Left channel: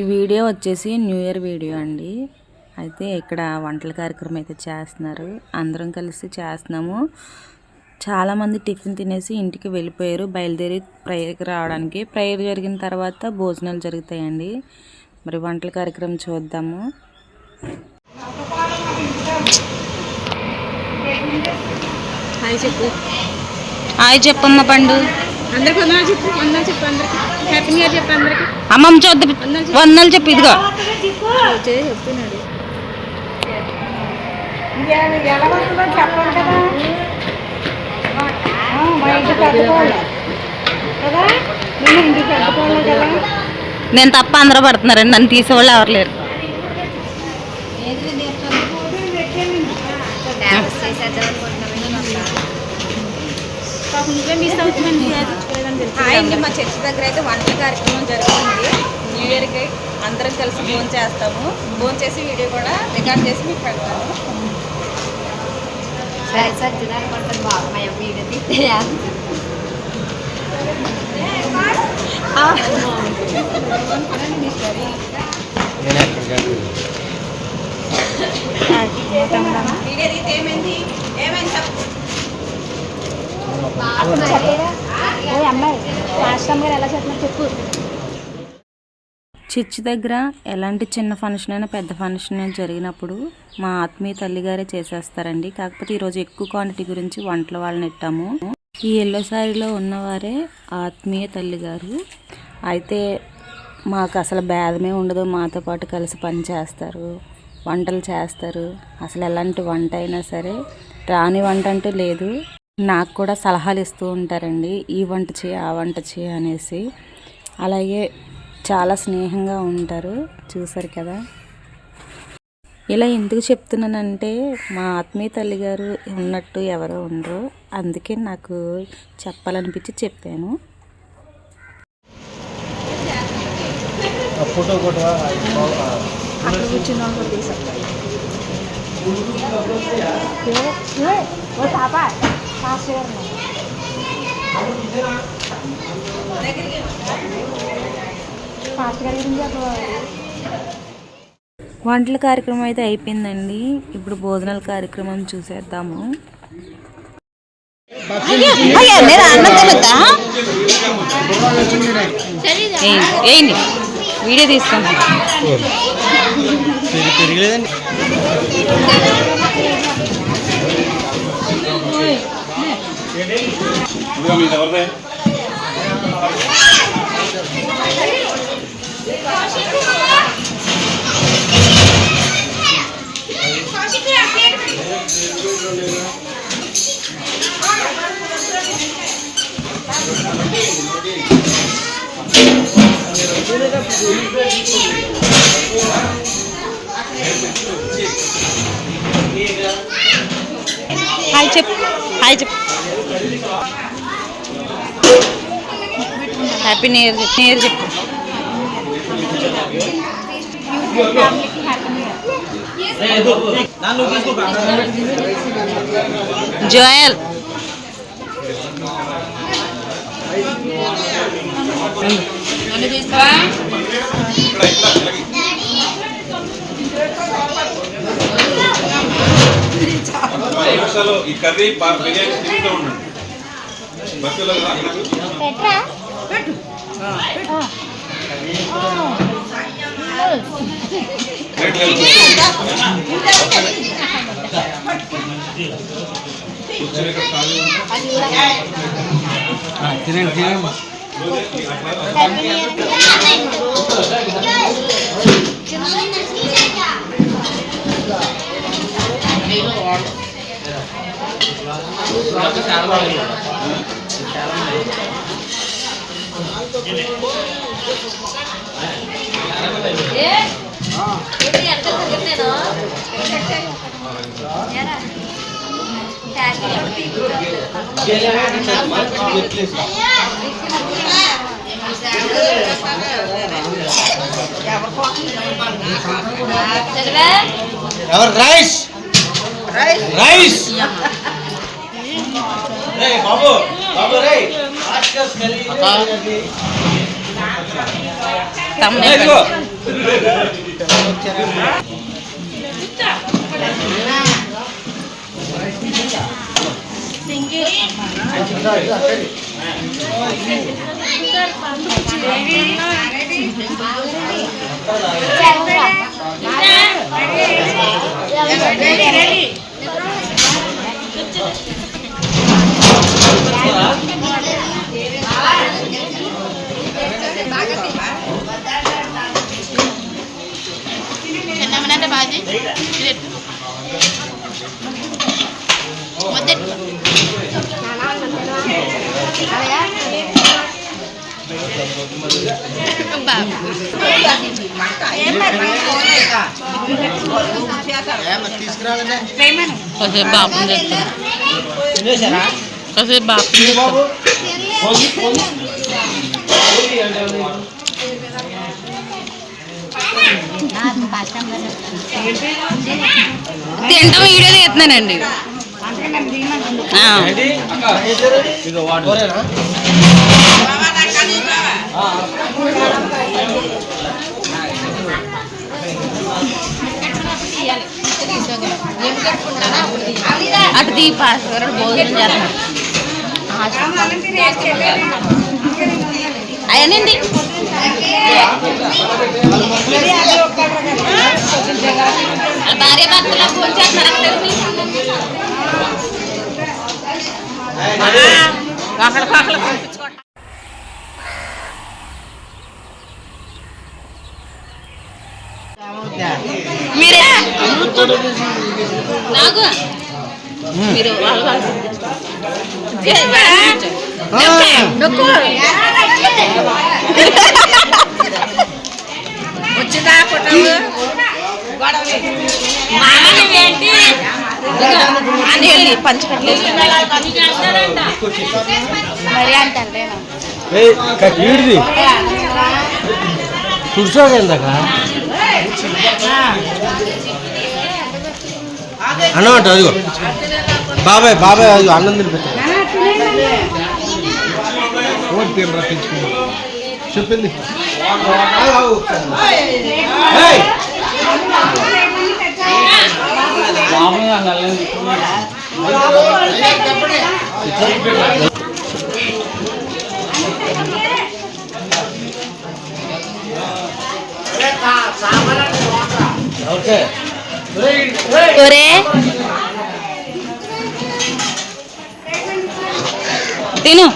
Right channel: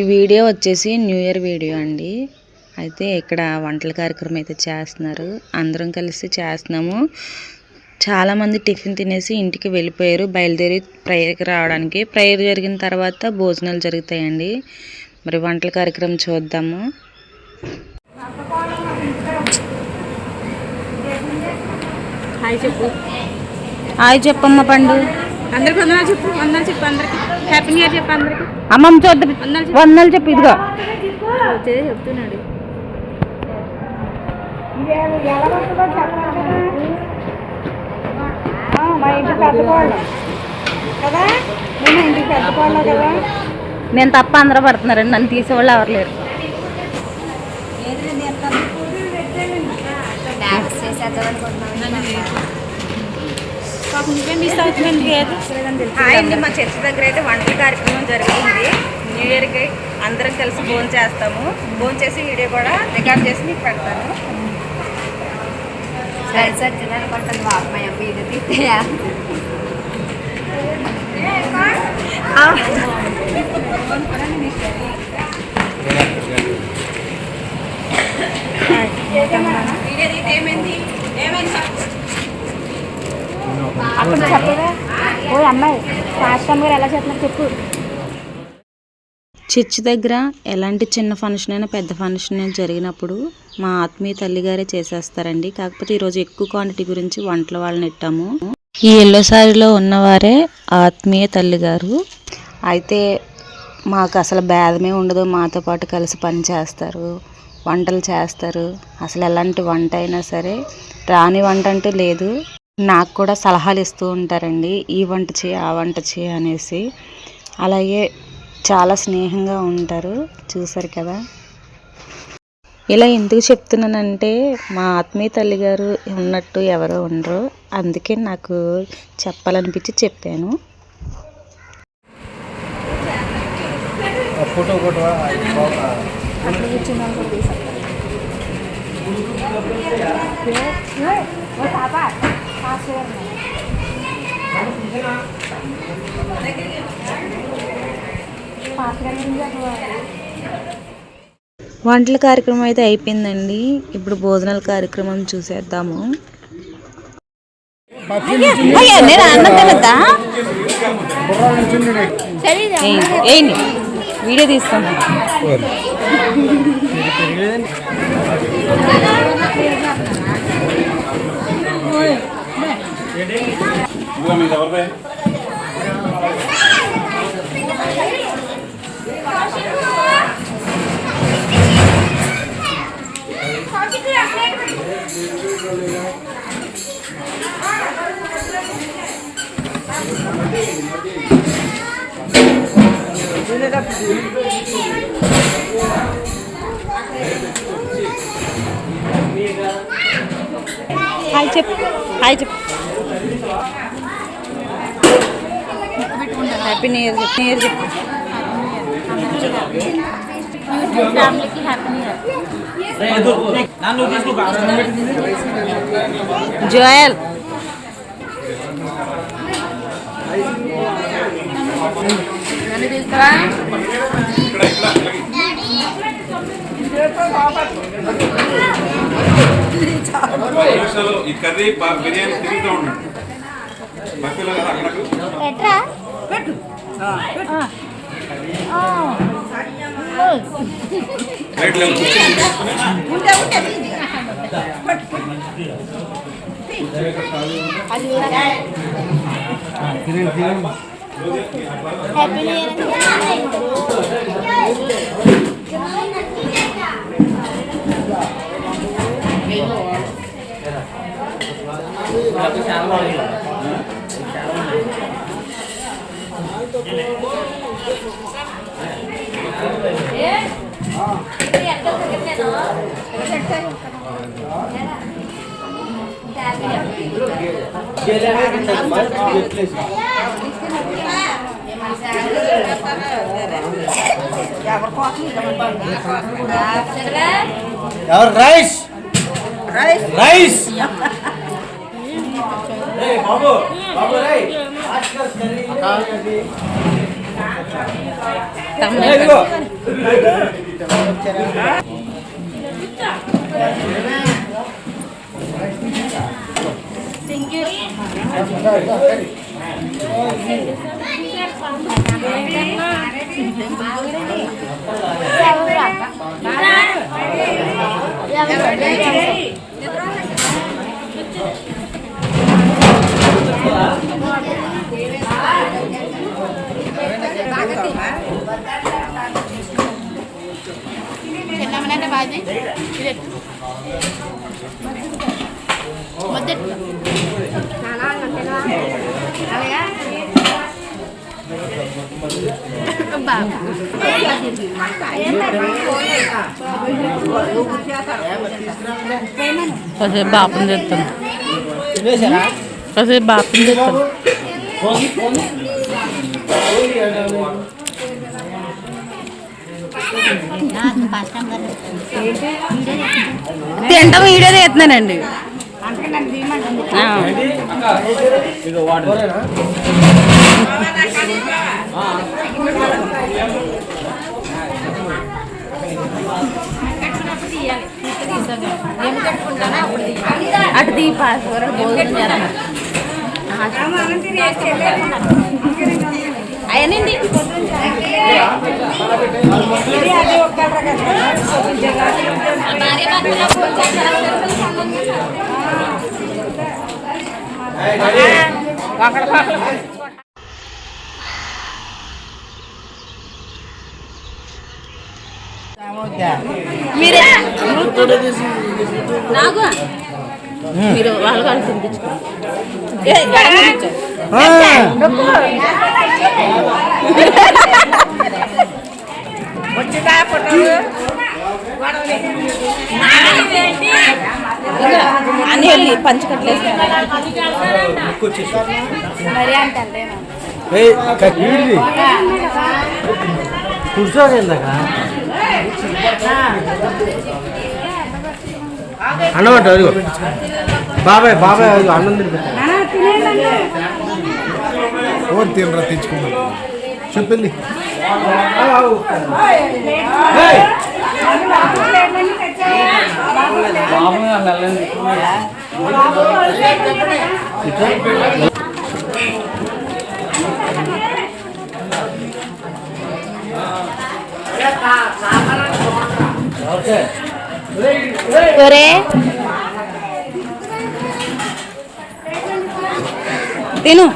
ఈ వీడియో వచ్చేసి new year video అండి. అయితే ఇక్కడ వంటల కార్యక్రమం అయితే చేస్తున్నారు. అందరం కలిసి చేస్తున్నాము. చాలామంది టిఫిన్ తినేసి ఇంటికి వెళ్ళిపోయారు, బయలుదేరి ప్రేయర్కి రావడానికి. ప్రేయర్ జరిగిన తర్వాత భోజనాలు జరుగుతాయండి. మరి వంటల కార్యక్రమం చూద్దాము. హాయ్ చెప్పు. హాయ్ చెప్పమ్మ పండు. అందరికి వందనాలు చెప్పు. వందనాలు చెప్పు అందరికి. హ్యాపీ న్యూ ఇయర్ చెప్పు అందరికి. అమ్మమ్మ చూద్దాం. వందనాలు చెప్పు. ఇదిగో చెప్తున్నాడు. నేను తప్ప అందరూ పడుతున్నారండి, నన్ను తీసేవాళ్ళు ఎవరు లేరు. మా చర్చి దగ్గర అయితే వంటల కార్యక్రమం జరుగుతుంది. న్యూ ఇయర్కి అందరం కలిసి భోజనం చేస్తాము. భోజనం చేసి వీడియో కూడా రికార్డ్ చేసి మీకు పెడతాను. చర్చి దగ్గర ఎలాంటి చిన్న ఫంక్షన్ అయినా పెద్ద ఫంక్షన్ అయినా జరిగినప్పుడు మా ఆత్మీయ తల్లిగారే చేసేస్తారండి. కాకపోతే ఈరోజు ఎక్కువ క్వాంటిటీ గురించి వంటల వాళ్ళని ఇట్టాము. ఈ ఎల్లో సారీలో ఉన్నవారే ఆత్మీయ తల్లిగారు. అయితే మాకు అసలు భేదమే ఉండదు. మాతో పాటు కలిసి పని చేస్తారు, వంటలు చేస్తారు. అసలు ఎలాంటి వంట అయినా సరే, రాని వంట అంటూ లేదు. నాకు కూడా సలహాలు ఇస్తూ ఉంటారండి, ఈ వంట చేయి ఆ వంట చేయి అనేసి. అలాగే చాలా స్నేహంగా ఉంటారు. చూసారు కదా. ఇలా ఎందుకు చెప్తున్నానంటే మా ఆత్మీయ తల్లి గారు ఉన్నట్టు ఎవరో ఉండరు, అందుకే నాకు చెప్పాలనిపించి చెప్పాను. అక్కడ కూర్చున్న వాళ్ళు కూడా తీసేస్తారు. వంటల కార్యక్రమం అయితే అయిపోయిందండి. ఇప్పుడు భోజనాల కార్యక్రమం చూసేద్దాము. వీడియో తీసుకోండి. హాయ్ చెప్పు. హాయ్ చెప్పు. హ్యాపీ న్యూ ఇయర్ చెప్పు. న్యూ ఇయర్ చెప్పు. ఫ్యామిలీకి హ్యాపీ న్యూ ఇయర్. జోయల్ ఈ కర్రీ బిర్యానీ తిరుగుతూ ఉండండి. మధ్యలో తినండి. రైస్ రైస్ బాబు బాబు రై ఆస్కర్ స్మెల్లింగ్ కాసేపు బాపం చెప్తాను కాసేపు బాపం చెప్తాను తింటాం వీడియో చేస్తున్నానండి అటు దీప అయ్యానండి మీరే నాకు మీరు వచ్చిందా ఫోటోలు అని పంచకట్లేదు మరి అంటే కూర్చోండి ఇందాక అన్నమాట అదిగో బాబాయ్ బాబాయ్ అదిగో అన్నం తినరా తెచ్చుకున్నా చెప్పింది ఒరే తిను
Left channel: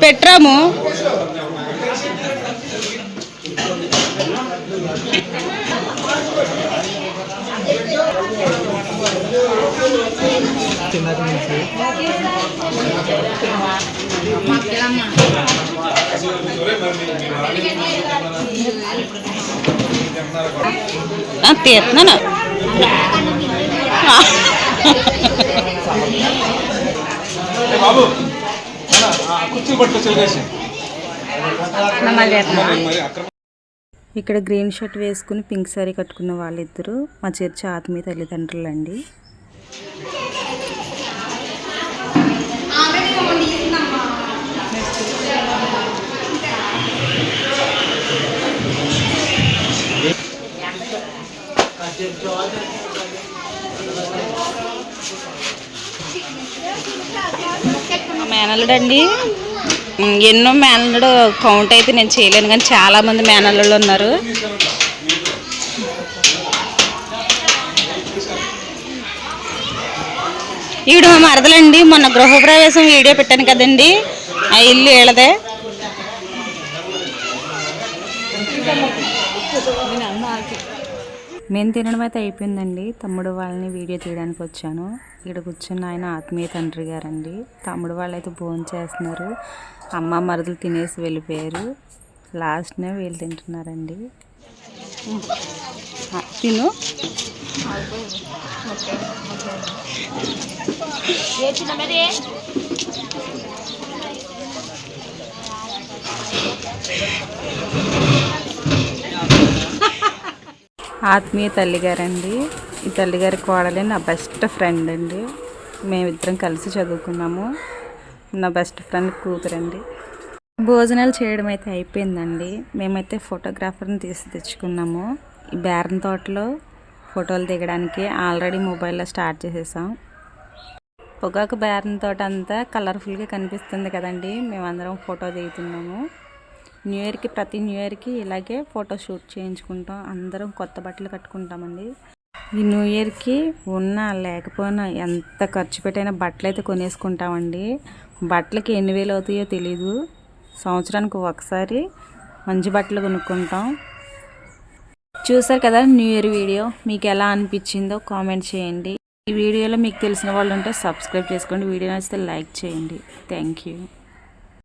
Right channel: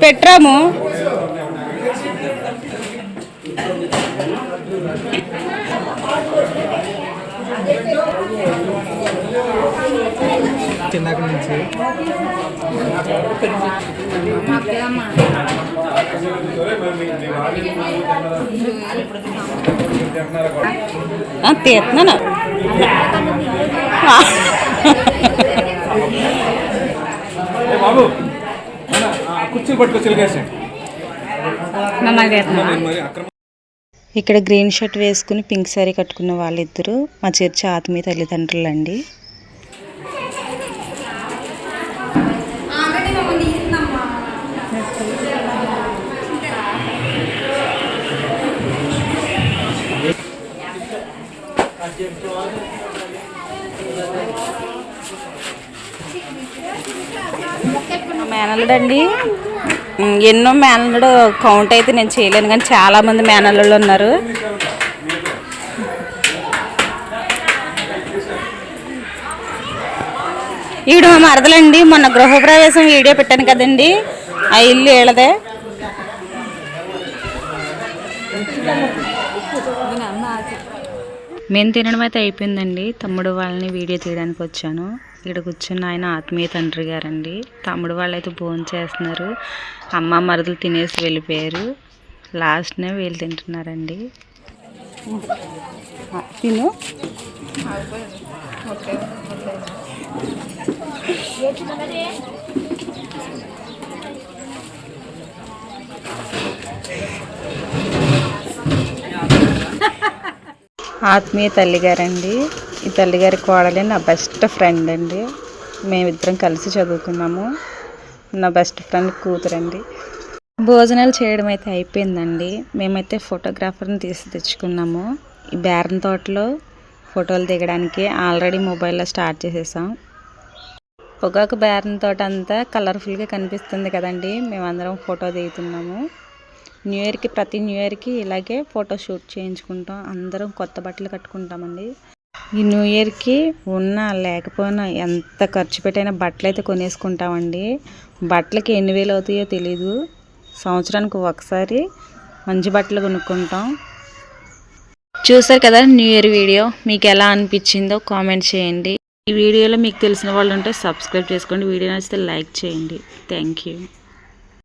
పెట్టరాము తీస్తున్నాను బాబు కుర్చీలు పట్టుకొచ్చి ఇక్కడ గ్రీన్ షర్ట్ వేసుకుని పింక్ సారీ కట్టుకున్న వాళ్ళిద్దరూ మా చర్చి ఆత్మీయ తల్లిదండ్రులండి. మా మేనల్లుడు అండి, ఎన్నో మేనల్లుడు కౌంట్ అయితే నేను చేయలేను కానీ చాలామంది మేనల్లుళ్ళు ఉన్నారు. ఈవిడ మా మరదలండి. మొన్న గృహప్రవేశం వీడియో పెట్టాను కదండి, ఆ ఇల్లు వీళ్ళదే. మేము తినడం అయితే అయిపోయిందండి. తమ్ముడు వాళ్ళని వీడియో తీయడానికి వచ్చాను. ఇక్కడ కూర్చున్న ఆయన ఆత్మీయ తండ్రి గారండి. తమ్ముడు వాళ్ళు అయితే భోజనం చేస్తున్నారు. అమ్మ మరుదులు తినేసి వెళ్ళిపోయారు. లాస్ట్నే వీళ్ళు తింటున్నారండి. తిను. ఆత్మీయ తల్లిగారండి. ఈ తల్లిగారి కోడలే నా బెస్ట్ ఫ్రెండ్ అండి. మేమిద్దరం కలిసి చదువుకున్నాము. నా బెస్ట్ ఫ్రెండ్ కూతురండి. భోజనాలు చేయడం అయితే అయిపోయిందండి. మేమైతే ఫోటోగ్రాఫర్ని తెచ్చుకున్నాము. ఈ బేరం తోటలో ఫోటోలు దిగడానికి ఆల్రెడీ మొబైల్లో స్టార్ట్ చేసేసాం. పొగాకు బేరం తోట అంతా కలర్ఫుల్గా కనిపిస్తుంది కదండి. మేమందరం ఫోటో దిగుతున్నాము. ప్రతి న్యూ ఇయర్కి ఇలాగే ఫోటో షూట్ చేయించుకుంటాం. అందరం కొత్త బట్టలు కట్టుకుంటామండి. ఈ న్యూ ఇయర్కి ఉన్నా లేకపోయినా ఎంత ఖర్చు పెట్టైనా బట్టలు అయితే కొనేసుకుంటామండి. బట్టలకి ఎన్ని వేలు అవుతాయో తెలీదు. సంవత్సరానికి ఒకసారి మంచి బట్టలు కొనుక్కుంటాం. చూసారు కదా న్యూ ఇయర్ వీడియో. మీకు ఎలా అనిపించిందో కామెంట్ చేయండి. ఈ వీడియోలో మీకు తెలిసిన వాళ్ళు ఉంటే సబ్స్క్రైబ్ చేసుకోండి. వీడియో నచ్చితే లైక్ చేయండి. Thank you.